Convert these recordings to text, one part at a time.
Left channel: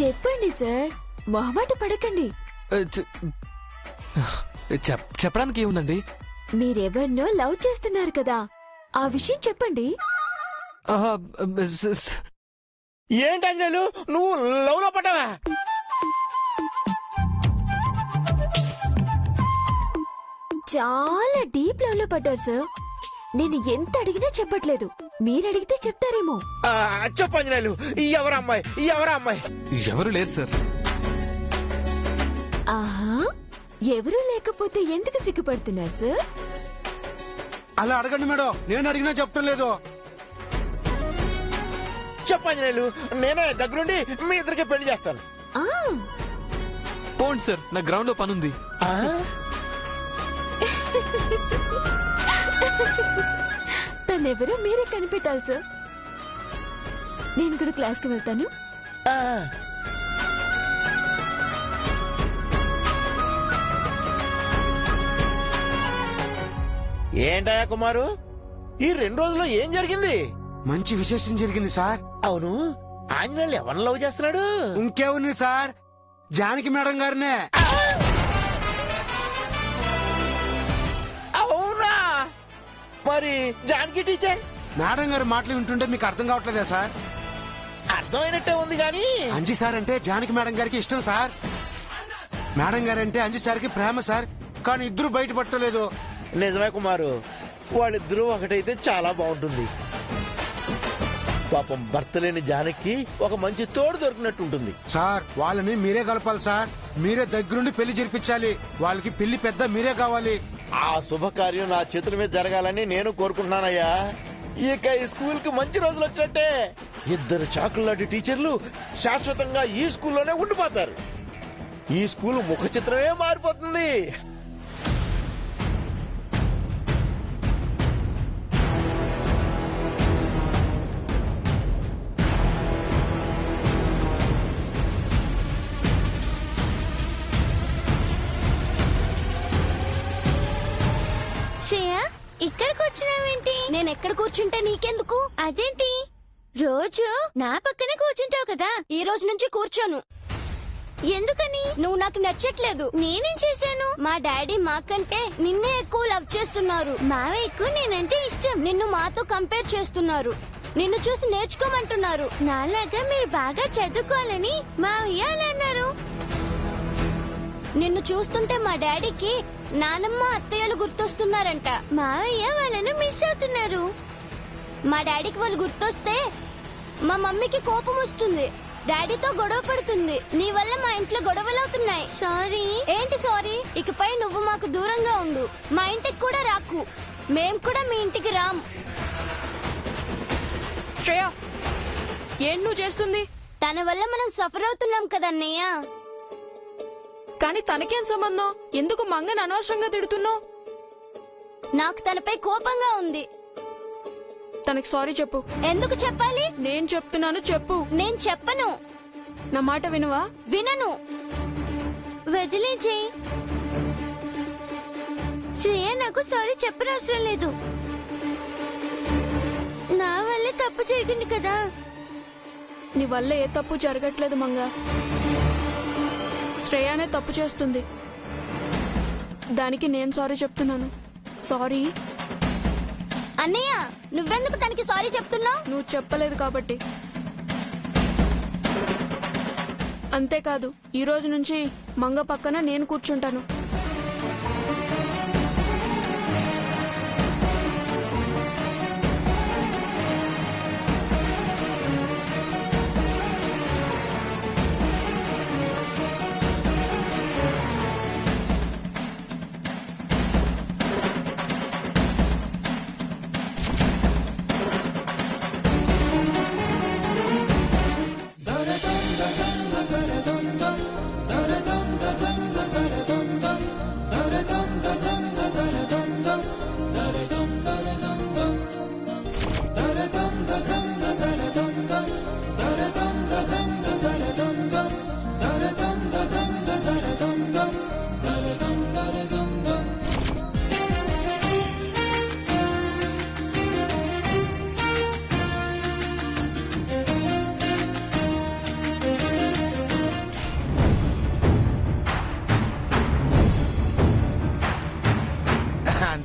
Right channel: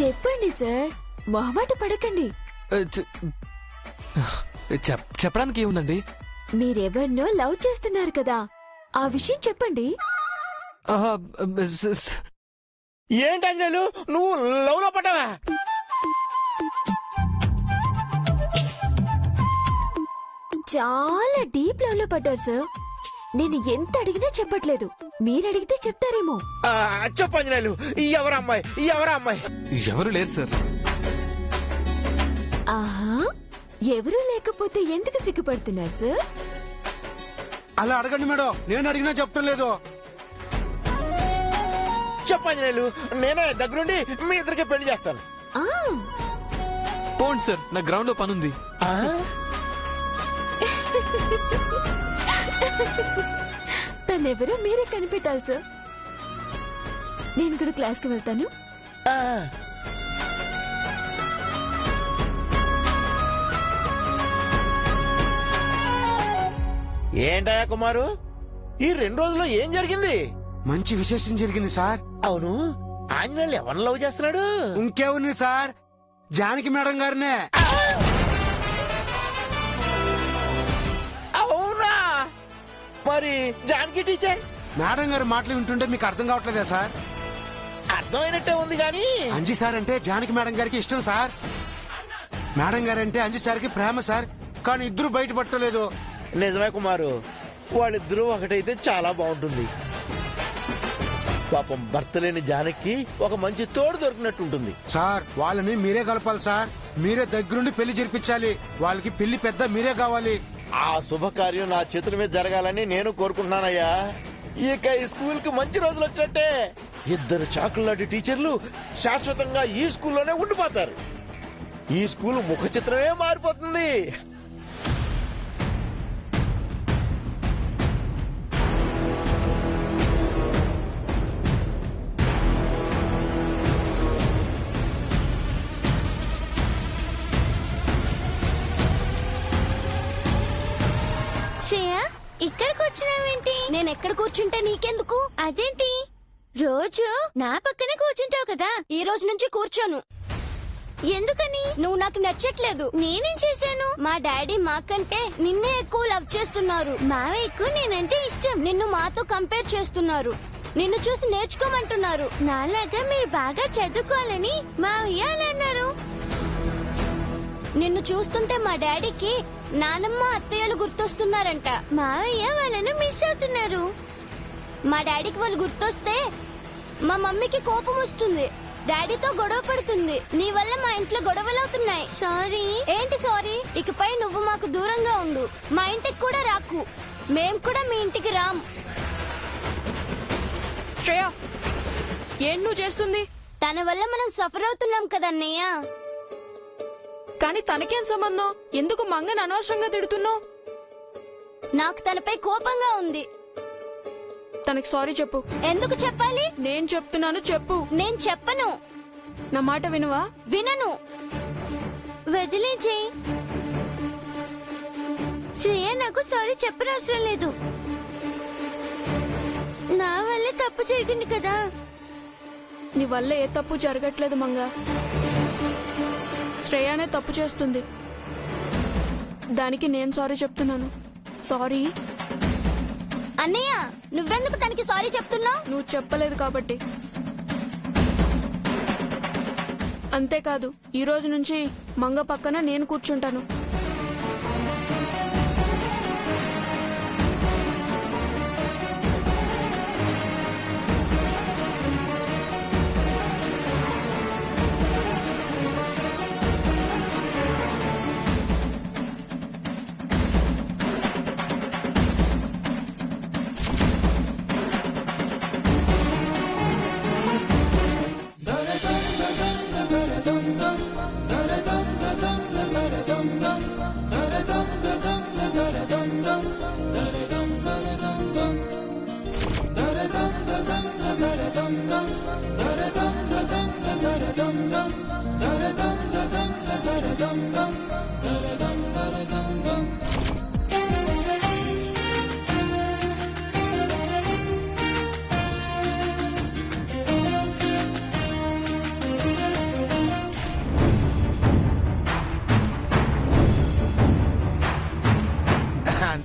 చెప్పండి సార్, మొహమాట పడకండి. చెప్పడానికి ఏముందండి? మీరెవరినో లవ్ చేస్తున్నారు కదా, ఆ విషయం చెప్పండి. ఏంటి అంజలు, నువ్వు లవ్ లో పడ్డావా? చాలా డీప్ లవ్ లో పడ్డారు సార్. నేను ఎంత అడిగినా చెప్పట్లేదు, మీరడిగితే చెప్తారేమో. చెప్పు అంజనేయులు, ఎవరు అమ్మాయి? ఎవరు లేరు సార్. ఆహా, ఎవరూ లేకపోతే ఎందుకు సిగ్గుపడుతున్నారు సార్? అలా అడగండి మేడం, నేను అడిగినా చెప్పడం లేదు. చెప్పు అంజనేయులు, నేనే దగ్గరుండి మీ ఇద్దరికి పెళ్లి చేస్తాను. పోండి సార్, నా గ్రౌండ్ లో పనుంది. తనెవరో మీరే కనిపెట్టాలి సార్. నేను కూడా క్లాస్ కి వెళ్తాను. ఏంటయ్యా కుమారు, ఈ 2 రోజుల్లో ఏం జరిగింది? మంచి విశేషం జరిగింది సార్. అవును, ఆంజనేయులు ఎవరిని లవ్ చేస్తున్నాడు? ఇంకేముంది సార్, జానకి మేడం గారినే. అవునా? మరి జానకి టీచర్? మేడం గారి మాటలు వింటుంటే మీకు అర్థం కావట్లేదా సార్? అర్థమైనట్టే ఉంది గాని. అంజి సార్ అంటే జానకి మేడం గారికి ఇష్టం సార్. మేడం గారు అంటే అంజి సార్కి ప్రేమ సార్. కానీ ఇద్దరు బయటపట్టలేదు. నిజమే కుమారు, వాళ్ళిద్దరూ ఒకటైతే చాలా బాగుంటుంది. పాపం భర్త లేని జానకి ఒక మంచి తోడు దొరికినట్టుంటుంది. సార్, వాళ్ళని మీరే కలపాలి సార్. మీరే దగ్గరుండి పెళ్లి జరిపించాలి. వాళ్ళకి పెళ్లి పెద్ద మీరే కావాలి. ఆ శుభకార్యం నా చేతుల మీద జరగాలని నేను కోరుకుంటున్నానయ్యా. ఇక ఈ స్కూల్ కి మంచి రోజులు వచ్చినట్టే. 2 చాకులాంటి టీచర్లు శాశ్వతంగా ఈ స్కూల్లోనే ఉండిపోతారు. ఈ స్కూల్ ముఖ చిత్రమే మారిపోతుంది. ఇక్కడ కూర్చున్నావేంటి? నేను ఎక్కడ కూర్చుంటే నీకెందుకు? అదేంటి, రోజు నా పక్కనే కూర్చుంటావు కదా. ఈ రోజు నుంచి కూర్చోను. ఎందుకని? నువ్వు నాకు నచ్చట్లేదు. నేనేం చేశాను? మా డాడీ మాకంటే నిన్నే ఎక్కువ లవ్ చేస్తున్నారు. మావయ్యకు నేనంటే ఇష్టం. నిన్ను మాతో కంపేర్ చేస్తున్నారు. నిన్ను చూసి నేర్చుకోమంటున్నారు. నాలాగా మీరు బాగా చదువుకోవాలని మావయ్య అలా అన్నారు. నిన్ను చూస్తుంటే మా డాడీకి నానమ్మ అత్తయ్యలు గుర్తొస్తున్నారంట. మావయ్య వాళ్ళను మిస్ అవుతున్నారు. మా డాడీకి వాళ్ళు గుర్తొస్తే మా మమ్మీకి కోపం వస్తుంది. డాడీతో గొడవ పడుతుంది. నీ వల్ల మా ఇంట్లో గొడవలు అవుతున్నాయి. సారీ. ఏంటి సారీ? ఇకపై నువ్వు మాకు దూరంగా ఉండు. మా ఇంటికి కూడా రాకు. మేం కూడా మీ ఇంటికి రాం. శ్రేయ, ఏం నువ్వు చేస్తుంది? తన వల్ల మనం సఫర్ అవుతున్నాం కదన్నయ్య. కానీ తనకేం సంబంధం? ఎందుకు మంగని అనవసరంగా తిడుతున్నావు? నాకు తనపై కోపంగా ఉంది. తనకి సారీ చెప్పు. ఎందుకు చెప్పాలి? నేను చెప్తున్నాను, చెప్పు. నేను చెప్పను. నా మాట వినవా? వినను. వదిలేజేయ్. శ్రేయ నాకు సారీ చెప్పనవసరం లేదు. నా వల్లే తప్పు జరిగింది కదా. నీ వల్ల ఏ తప్పు జరగట్లేదు మంగ. శ్రేయానే తప్పు చేస్తుంది. దానికి నేను సారీ చెప్తున్నాను. సారీ. అన్నయ్య, నువ్వెందుకు తనకి సారీ చెప్తున్నావు? నువ్వు చెప్పలేదు కాబట్టి. అంతేకాదు, ఈ రోజు నుంచి మంగ పక్కన నేను కూర్చుంటాను. dum dum dum dum dum dum dum dum dum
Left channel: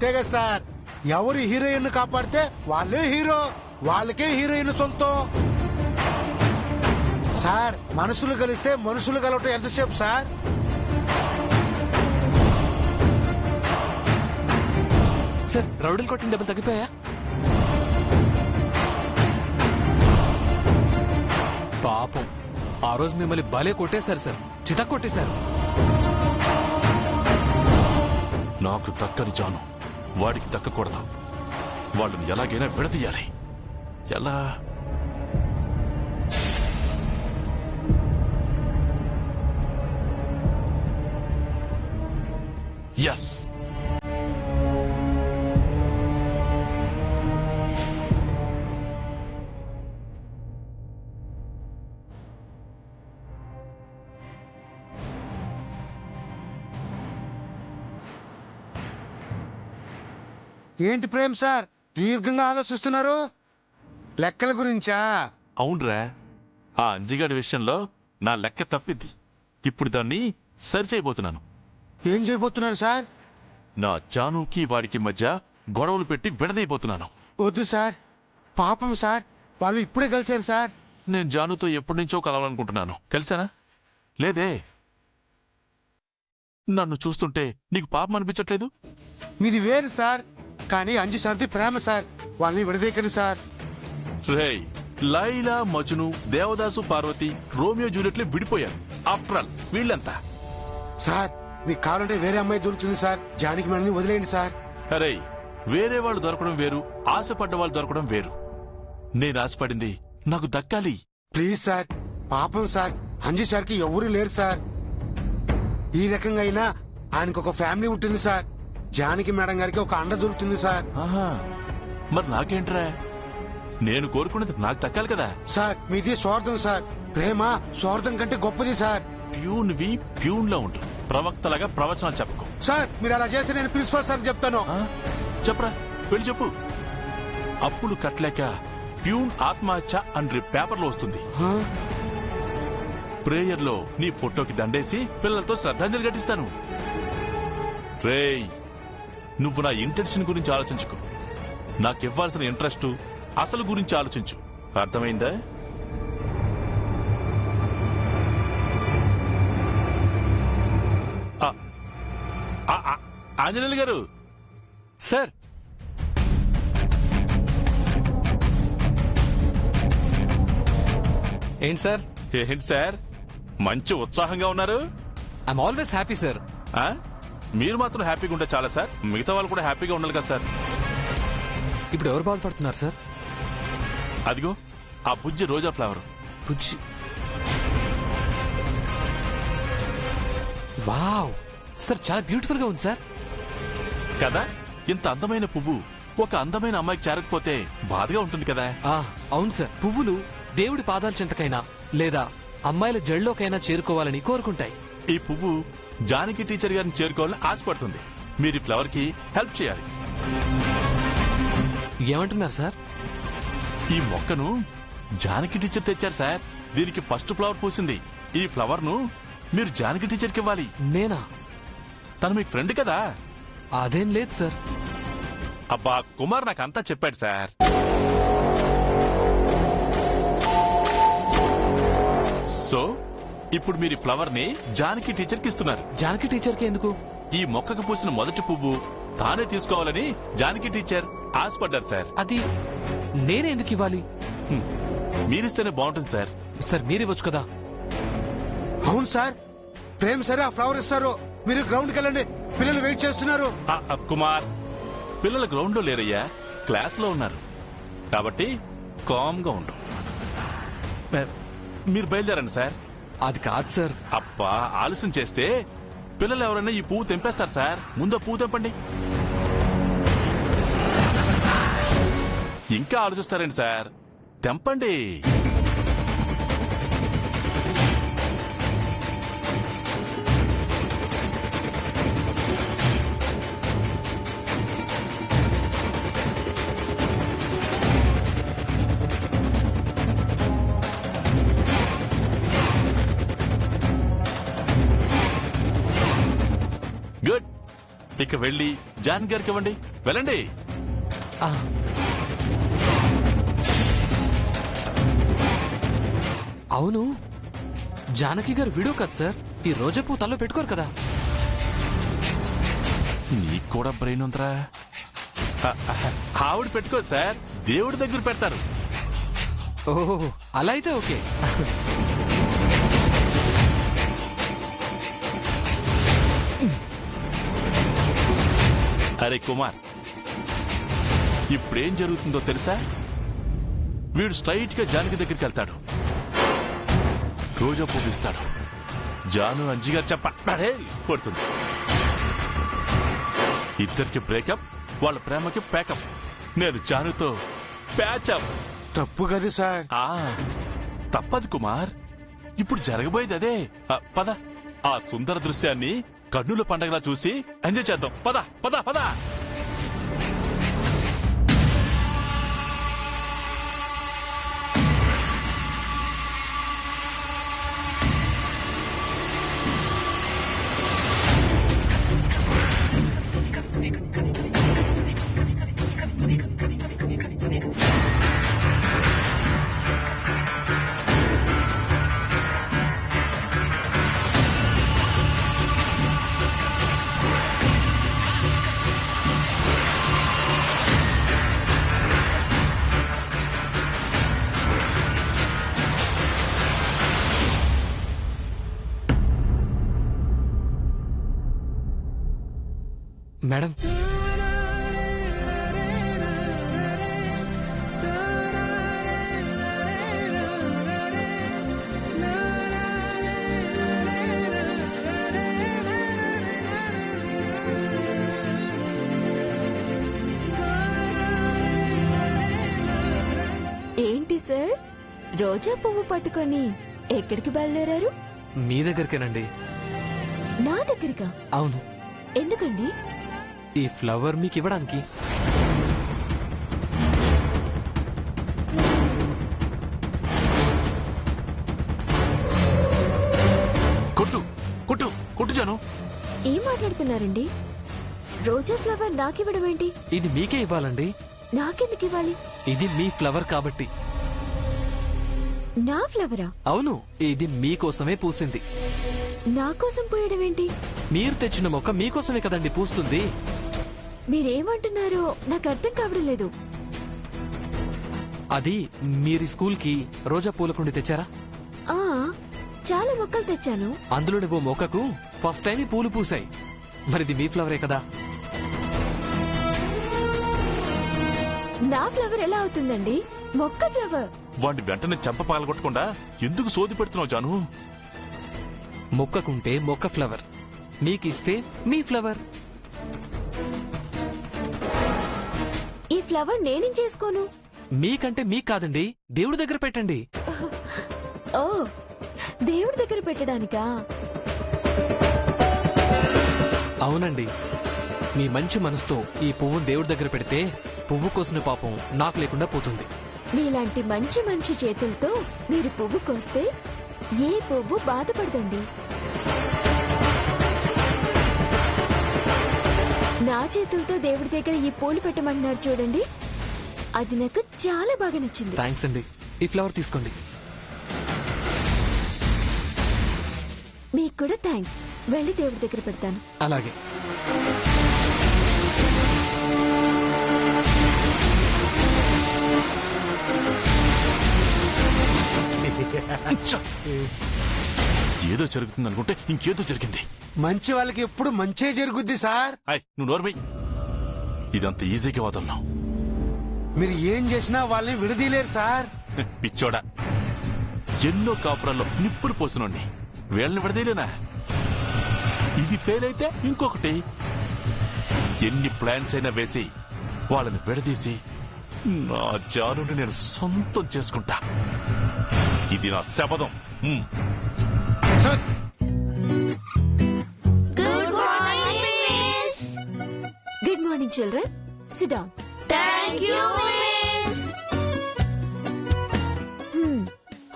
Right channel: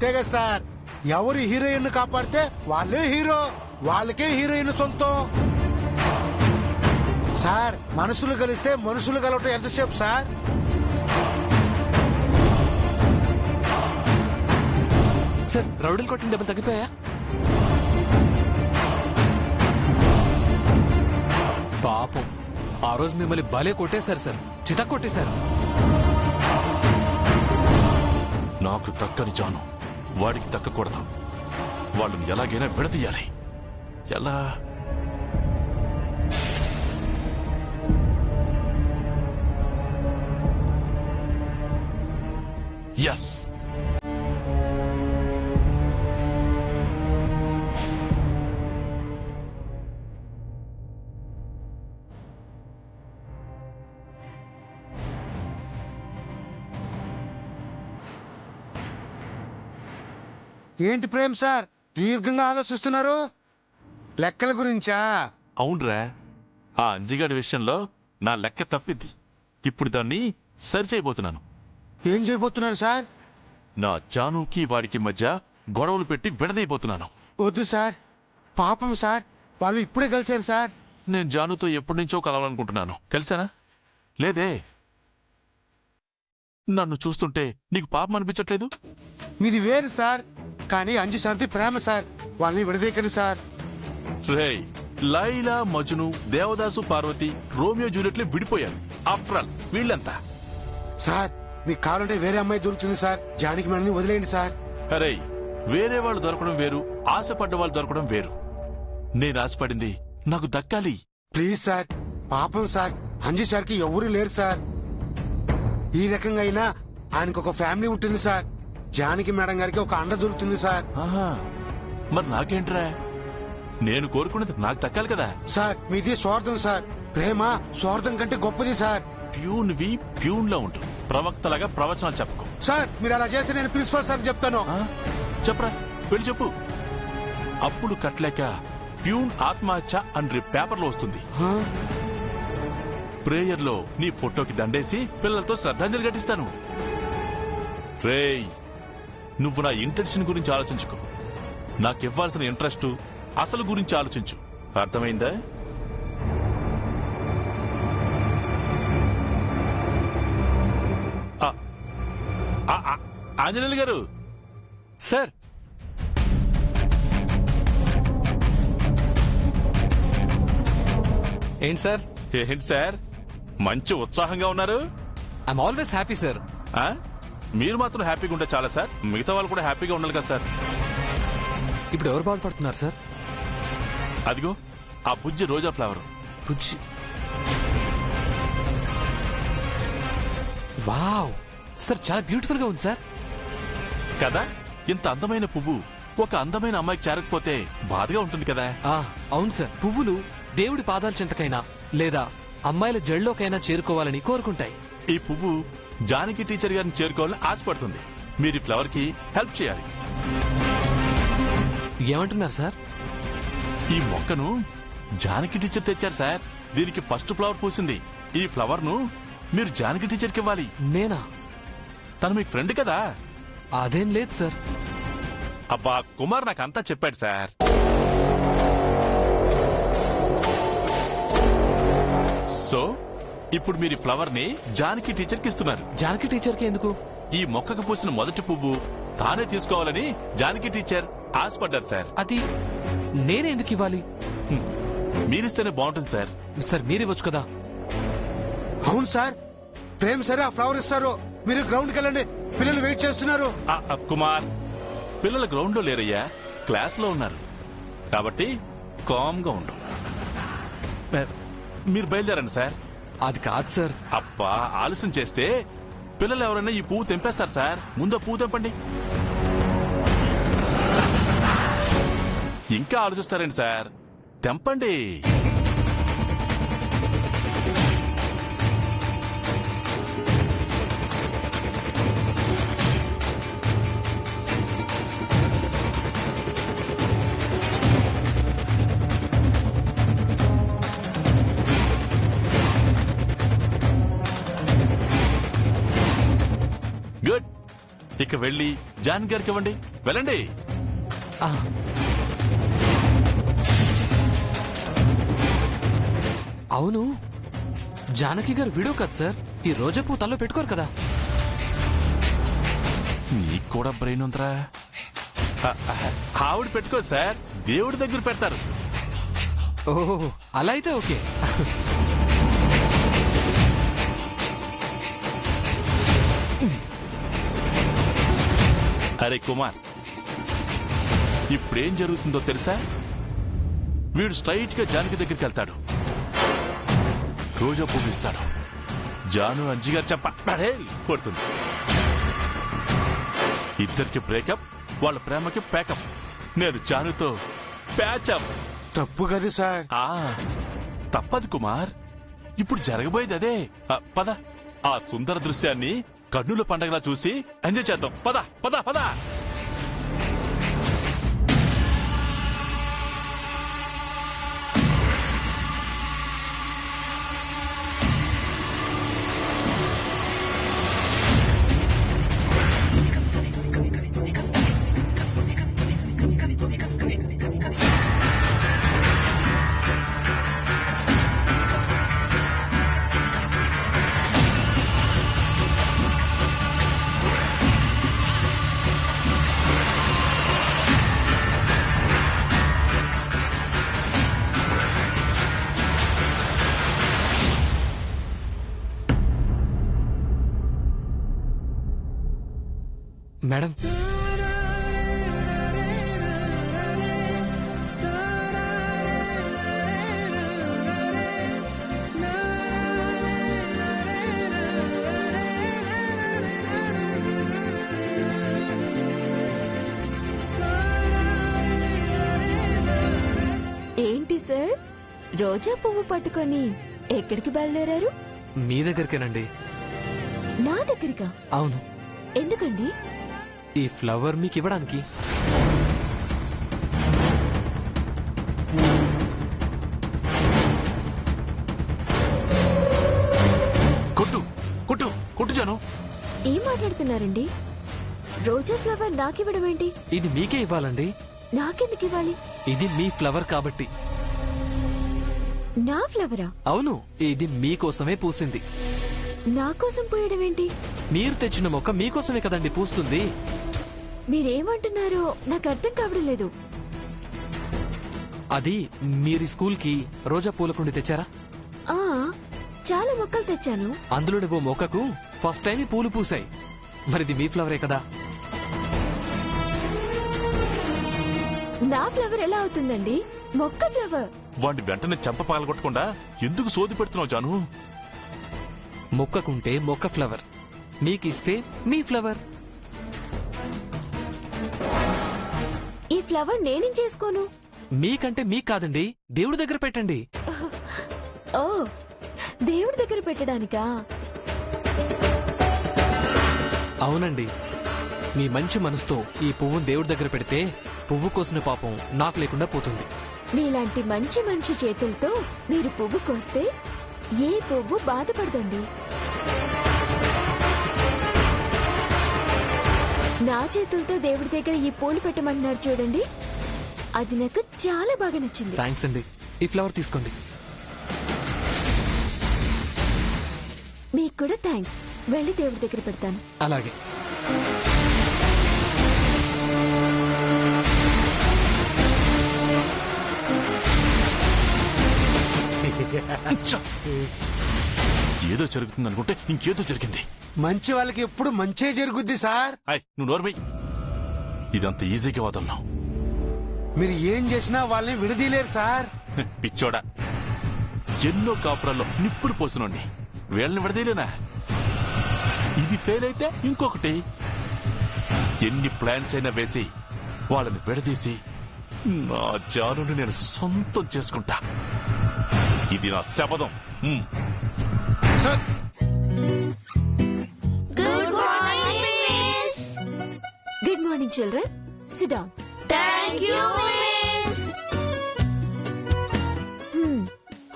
అంతే కదా సార్. ఎవరు హీరోయిన్ కాపాడితే వాళ్ళే హీరో, వాళ్ళకే హీరోయిన్ సొంతం. సార్ మనసులు కలిస్తే మనుషులు కలవటం ఎంతసేపు సార్? సార్ రౌడీలు కొట్టిన దెబ్బలు తగ్గిపోయా? పాపం ఆ రోజు మిమ్మల్ని భలే కొట్టేశారు సార్, చిత కొట్టేశారు. నాకు దక్కని జాను వాడికి దక్కకూడదు. వాళ్ళని ఎలాగైనా విడదీయాలి. ఎలా? ఎస్, ఏంటి ప్రేమ్ సార్ దీర్ఘంగా ఆలోచిస్తున్నారు? లెక్కల గురించా? అవునరా, ఆ అంజిగాడి విషయంలో నా లెక్క తప్పింది. ఇప్పుడు దాన్ని సరిచేయబోతున్నాను. ఏం చేయబోతున్నారు సార్? నా జానుకి వాడికి మధ్య గొడవలు పెట్టి విడదీయబోతున్నాను. వద్దు సార్, పాపం సార్, వాళ్ళు ఇప్పుడే కలిసారు సార్. నేను జానుతో ఎప్పటి నుంచో కలవాలనుకుంటున్నాను. కలిసానా? లేదే. నన్ను చూస్తుంటే నీకు పాపం అనిపించట్లేదు? మీది వేరు సార్, కానీ అంజు సార్ది ప్రేమ సార్. వాళ్ళని విడదీయకండి సార్. రేయ్, లైలా, మజ్ను, దేవదాసు, పార్వతి, రోమియో జూలియట్లు విడిపోయారు. ఆఫ్టర్ ఆల్ వీళ్ళంతా. సార్ మీకు కావాలంటే వేరే అమ్మాయి దొరుకుతుంది సార్, జానికి మనల్ని వదిలేయండి సార్. అరే, వేరే వాళ్ళు దొరకడం వేరు, ఆశపడ్డ వాళ్ళు దొరకడం వేరు. నేను ఆశపడింది నాకు దక్కాలి. ప్లీజ్ సార్, పాపం సార్, అంజు సార్కి ఎవరూ లేరు సార్. ఈ రకంగా అయినా ఆయనకు ఒక ఫ్యామిలీ ఉంటుంది సార్. జానకి మేడం గారికి ఒక అండ దొరుకుతుంది సార్. ఆహా, మరి నాకేంట్రా? నేను కోరుకున్నది నాకు దక్కాలి కదా. సార్ మీది స్వార్థం సార్. ప్రేమ స్వార్థం కంటే గొప్పది సార్. ప్యూన్వి ప్యూన్లా ఉంటు, ప్రవక్తలాగా ప్రవచనాలు చెప్పుకో. సార్ మీరు అలా చేస్తే నేను ప్రిన్సిపల్ సార్ చెప్తాను. ఆ? చెప్పరా, వెళ్ళి చెప్పు. అప్పులు కట్టలేక ప్యూన్ ఆత్మహత్య అని పేపర్లో వస్తుంది. హా? ప్రేయర్లో నీ ఫోటోకి దండేసి పిల్లలతో శ్రద్ధాంజలి ఘటిస్తాను. రేయ్, నువ్వు నా ఇంటెన్షన్ గురించి ఆలోచించుకో. నాకివ్వాల్సిన ఇంట్రెస్ట్ అసలు గురించి ఆలోచించు. అర్థమైందా? ఆంజనేయులు గారు. సార్ ఏంటి సార్? ఏంటి సార్ మంచి ఉత్సాహంగా ఉన్నారు? I'm always happy sir. ఆ? మీరు మాత్రం హ్యాపీగా ఉంటే చాలా సార్, మిగతా వాళ్ళు కూడా హ్యాపీగా ఉండాలి కదా సార్. ఇప్పుడు ఎవరు బాధపడుతున్నారు సార్? అదిగో ఆ బుజ్జి రోజా ఫ్లవర్. బుజ్జి, వావ్ సార్, చాలా బ్యూటిఫుల్ గా ఉంది సార్. కదా, ఇంత అందమైన పువ్వు ఒక అందమైన అమ్మాయికి చేరకపోతే బాధగా ఉంటుంది కదా. అవును సార్, పువ్వులు దేవుడి పాదాల చెంతకైనా లేదా అమ్మాయిల జళ్ళలోకైనా చేరుకోవాలని కోరుకుంటాయి. ఈ పువ్వు జానకి టీచర్ గారిని చేరుకోవాలని ఆశపడుతుంది. మీరు ఈ ఫ్లవర్ కి హెల్ప్ చేయాలి. ఏమంటున్నారు సార్? ఈ మొక్కను జానకి టీచర్ తెచ్చారు సార్. దీనికి ఫస్ట్ ఫ్లవర్ పూసింది. ఈ ఫ్లవర్ ను మీరు జానకి టీచర్ కి ఇవ్వాలి. నేనా? తను మీకు ఫ్రెండ్ కదా. అదేం లేదు సార్. అబ్బా, కుమార్ నాకంతా చెప్పాడు సార్. సో ఇప్పుడు మీరు ఈ ఫ్లవర్ ని జానకి టీచర్ కి ఇస్తున్నారు. జానకి టీచర్ కి ఎందుకు? ఈ మొక్కకు పూసిన మొదటి పువ్వు తానే తీసుకోవాలని జానకి టీచర్ ఆశపడ్డారు సార్. అది నేనే ఎందుకు ఇవ్వాలి? మీరిస్తేనే బాగుంటుంది సార్. సార్ మీరివ్వచ్చు కదా. అవును సార్, ప్రేమ్ సరే ఆ ఫ్లవర్ ఇస్తారు. మీరు గ్రౌండ్కి వెళ్ళండి, పిల్లలు వెయిట్ చేస్తున్నారు. కుమార్, పిల్లల గ్రౌండ్ లో లేరయ్యా, క్లాస్ లో ఉన్నారు. కాబట్టి కామ్ గా ఉండు. మీరు బయలుదేరండి సార్. అది కాదు సార్. అబ్బా, ఆలస్యం చేస్తే పిల్లలు ఎవరైనా ఈ పువ్వు తెంపేస్తారు సార్. ముందు పువ్వు తెంపండి. ఇంకా ఆలోచిస్తారండి సార్, తెంపండి. గుడ్, ఇక వెళ్ళి జాన్ గారికి ఇవ్వండి. వెళ్ళండి. ఆ, అవును, జానకి గారు వీడియో కాదు సార్, ఈ రోజా పువ్వు తల్లో పెట్టుకోరు కదా. నీకు కూడా బ్రెయిన్ ఉందిరా. ఆవిడ పెట్టుకో సార్, దేవుడి దగ్గర పెడతారు. ఓహో, అలా అయితే ఓకే. అరే కుమార్, ఇప్పుడేం జరుగుతుందో తెలుసా? వీడు స్ట్రైట్ గా జానకి దగ్గరికి వెళ్తాడు, రోజా పువ్వు ఇస్తాడు. జాను అంజిగారు పడుతుంది. ఇద్దరికి బ్రేకప్, వాళ్ళ ప్రేమకి ప్యాకప్. నేను జానుతో ప్యాచప్. తప్పు కదా సార్. తప్పదు కుమార్, ఇప్పుడు జరగబోయేది అదే. పద, ఆ సుందర దృశ్యాన్ని కన్నుల పండగలా చూసి ఎంజాయ్ చేద్దాం. పద పద పద. మేడం, ఏంటి సార్, రోజా పువ్వు పట్టుకొని ఎక్కడికి బయలుదేరారు? మీ దగ్గరికేనండి. నా దగ్గరికా? అవును, ఎందుకండి? ఈ ఫ్లవర్ మీకు ఇవ్వడానికి. కొట్టు కొట్టు కొట్టు జాను. ఏం మాట్లాడుతున్నారండి? రోజా ఫ్లవర్ నాకివ్వడం ఏంటి? ఇది మీకే ఇవ్వాలండి. నాకెందుకు ఇవ్వాలి? ఇది మీ ఫ్లవర్ కాబట్టి. నా ఫ్లవరా? అవును, ఇది మీకోసమే పూసింది. నా కోసం పోయడం ఏంటి? మీరు తెచ్చిన మొక్క మీకోసమే కదండి పూస్తుంది. మీరేమంటున్నారో నాకు అర్థం కావడం లేదు. అది మీరు స్కూల్ కి రోజా పూల కుండి తెచ్చారా? ఆ, చాలా మొక్కలు తెచ్చాను. అందులోని ఓ మొక్కకు ఫస్ట్ టైం ఈ పూలు పూసాయి. మరిది మీ ఫ్లవరే కదా. నా ఫ్లవర్ ఎలా అవుతుందండి? మొక్క ఫ్లవర్. వాడిని వెంటనే చెంప పగలగొట్టకుండా ఎందుకు సోది పెడుతున్నావు జాను? మొక్కకుంటే మొక్క ఫ్లవర్, మీకిస్తే మీ ఫ్లవర్. ఈ ఫ్లవర్ నేనేం చేసుకోను? మీకంటే మీకు కాదండి, దేవుడి దగ్గర పెట్టండి. ఓ, దేవుడి దగ్గర పెట్టడానికా? అవునండి, మీ మంచి మనసుతో ఈ పువ్వును దేవుడి దగ్గర పెడితే పువ్వు కోసిన పాపం నాకు లేకుండా పోతుంది. మీలాంటి మంచి మనిషి చేతులతో మీరు పువ్వు కోస్తే ఏ పువ్వు బాధపడదండి. నా చేతులతో దేవుడి దగ్గర ఈ పూలు పెట్టమంటున్నారు చూడండి, అది నాకు చాలా బాగా నచ్చింది. థ్యాంక్స్ అండి. ఈ ఫ్లవర్ తీసుకోండి. మీకు కూడా థ్యాంక్స్. వెళ్ళి దేవుడి దగ్గర పెడతాను. అలాగే. ఏదో జరుగుతుంది అనుకుంటే ఇంకేదో జరిగింది. మంచి వాళ్ళకి ఎప్పుడు మంచే జరుగుద్ది సార్. నువ్వు నోర్మై, ఇదంత ఈజీగా వదలను. మీరు ఏం చేసినా వాళ్ళని విడదీయలేరు సార్. పిచ్చోడా, ఎన్నో కాపురాల్లో నిప్పులు పోసినోడ్ని వీళ్ళని విడదీయలేనా? ఇది ఫెయిల్ అయితే ఇంకొకటి. ఎన్ని ప్లాన్స్ అయినా వేసి వాళ్ళని విడదీసి నా జానుని నేను సొంతం చేసుకుంటా. ఇది నా శపథం. Sir, good morning miss. Good morning children, SIT down. Thank you miss.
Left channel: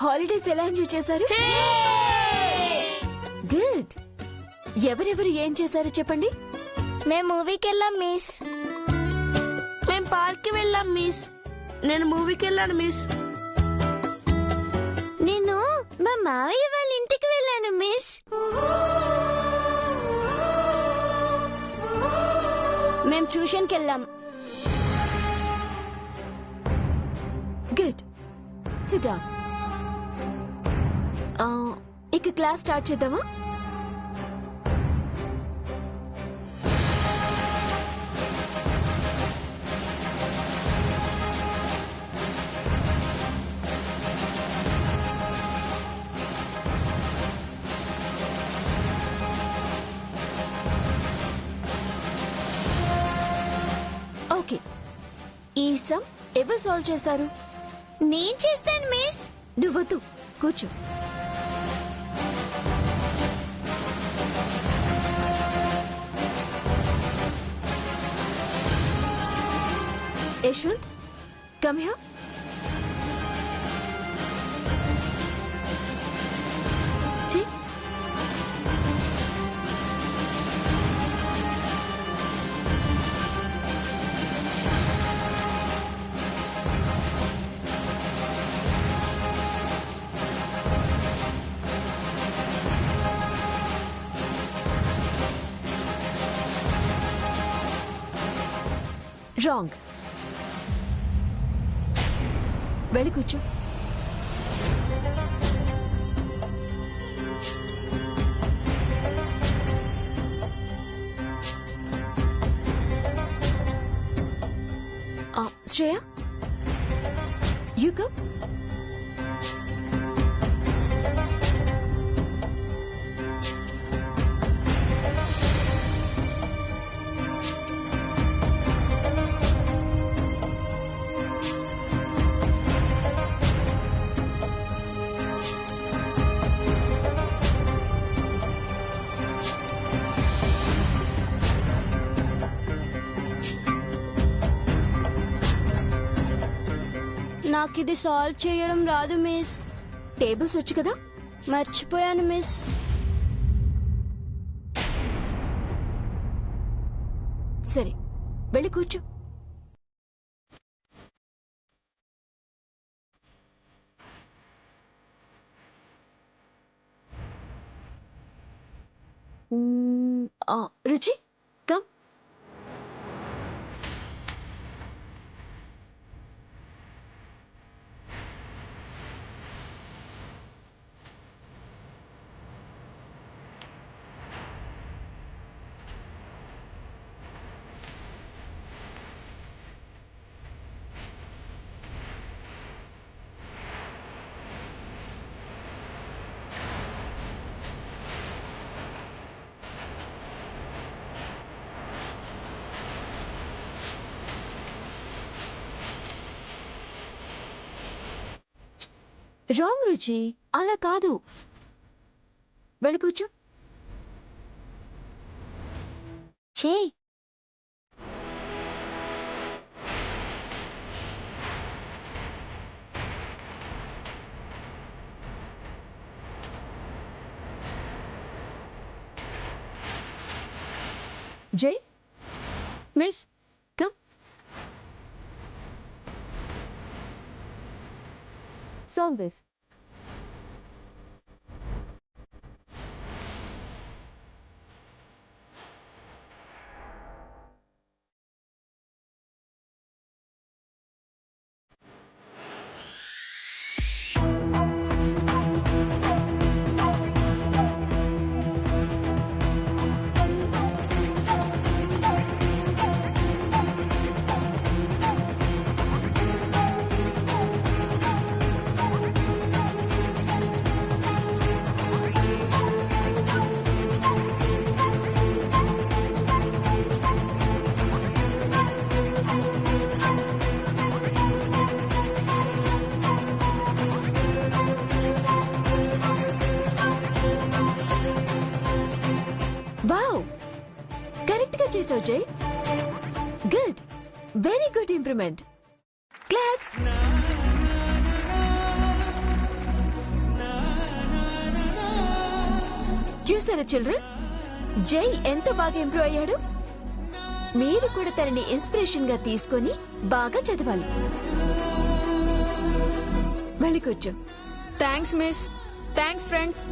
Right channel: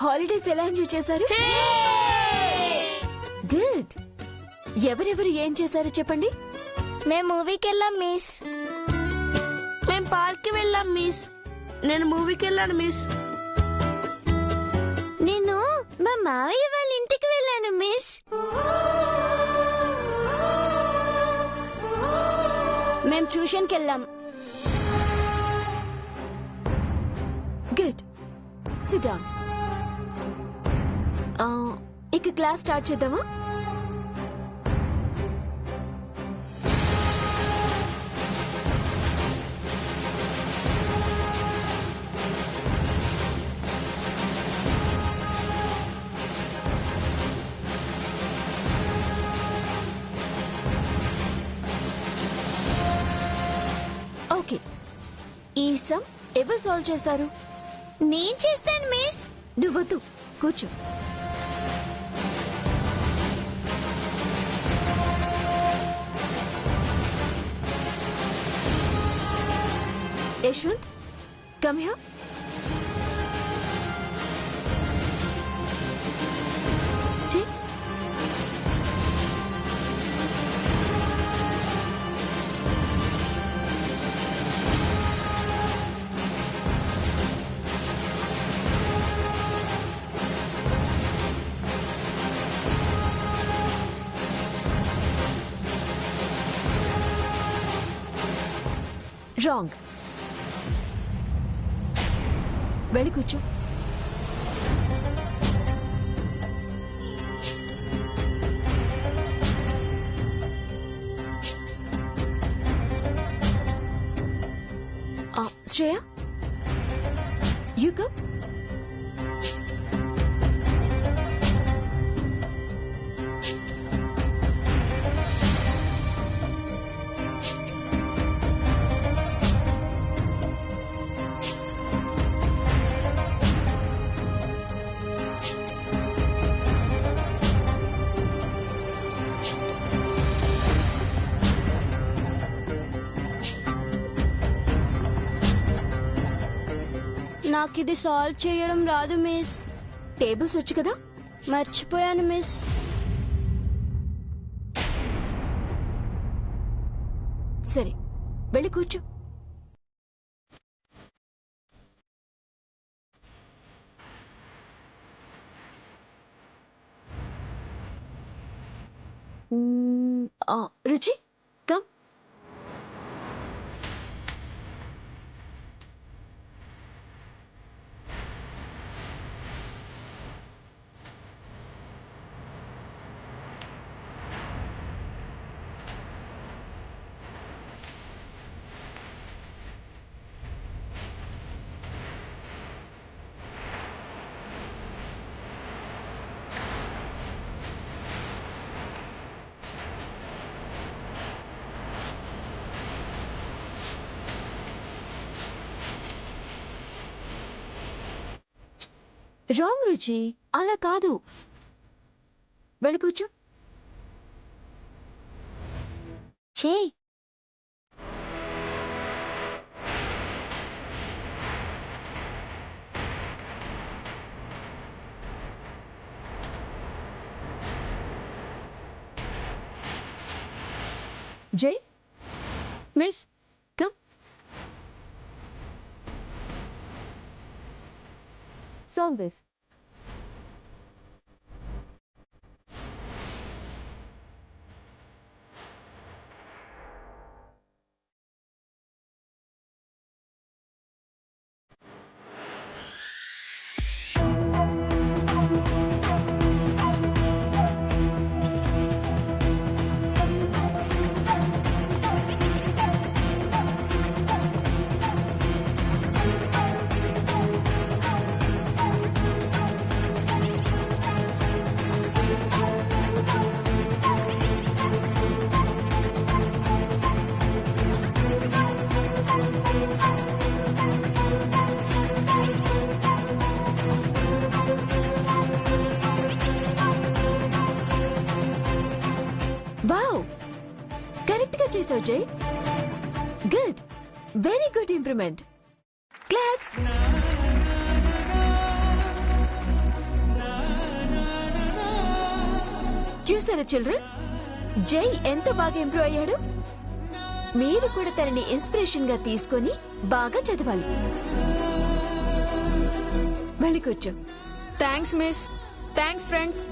Holidays ఎలా ఎంజాయ్ చేశారు? గుడ్. ఎవరెవరు ఏం చేశారో చెప్పండి. మేము మూవీకి వెళ్ళాం మిస్. మేము పార్క్ కి వెళ్ళాం మిస్. నేను మూవీకి వెళ్ళాను మిస్. నేను మా మావయ్య వాళ్ళ ఇంటికి వెళ్ళాను మిస్. మేము ట్యూషన్కి వెళ్ళాం. Good, SIT down. ఇక క్లాస్ స్టార్ట్ చేద్దామా? ఓకే, ఈ సమ్ ఎవరు సాల్వ్ చేస్తారు? నేను చేస్తాను మిస్. నువ్వొద్దు, కూర్చో. Yashwant, come here. చెయ్. రాంగ్. వెళ్ళి కూర్చో. Shreya, you come. నాకు ఇది సాల్వ్ చేయడం రాదు మిస్. టేబుల్స్ వచ్చు కదా? మర్చిపోయాను మిస్. సరే, వెళ్ళి కూర్చో. రుచి, కమ్. రాంగ్ రుచి, అలా కాదు. వెళ్ళి కూర్చో. చేయి. జై, miss, come. Solve this. Wow, correct గా చేసావు జై. Good, very good improvement. Claps. చూసారా చిల్డ్రన్, జై ఎంత బాగా ఇంప్రూవ్ అయ్యాడు. మీరు కూడా తనని ఇన్స్పిరేషన్ గా తీసుకొని బాగా చదవాలి. వెళ్ళి కూర్చో. Thanks miss. Thanks friends.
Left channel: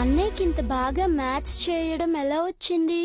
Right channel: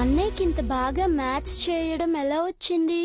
అన్నయ్యకి ఇంత బాగా మ్యాథ్స్ చేయడం ఎలా వచ్చింది?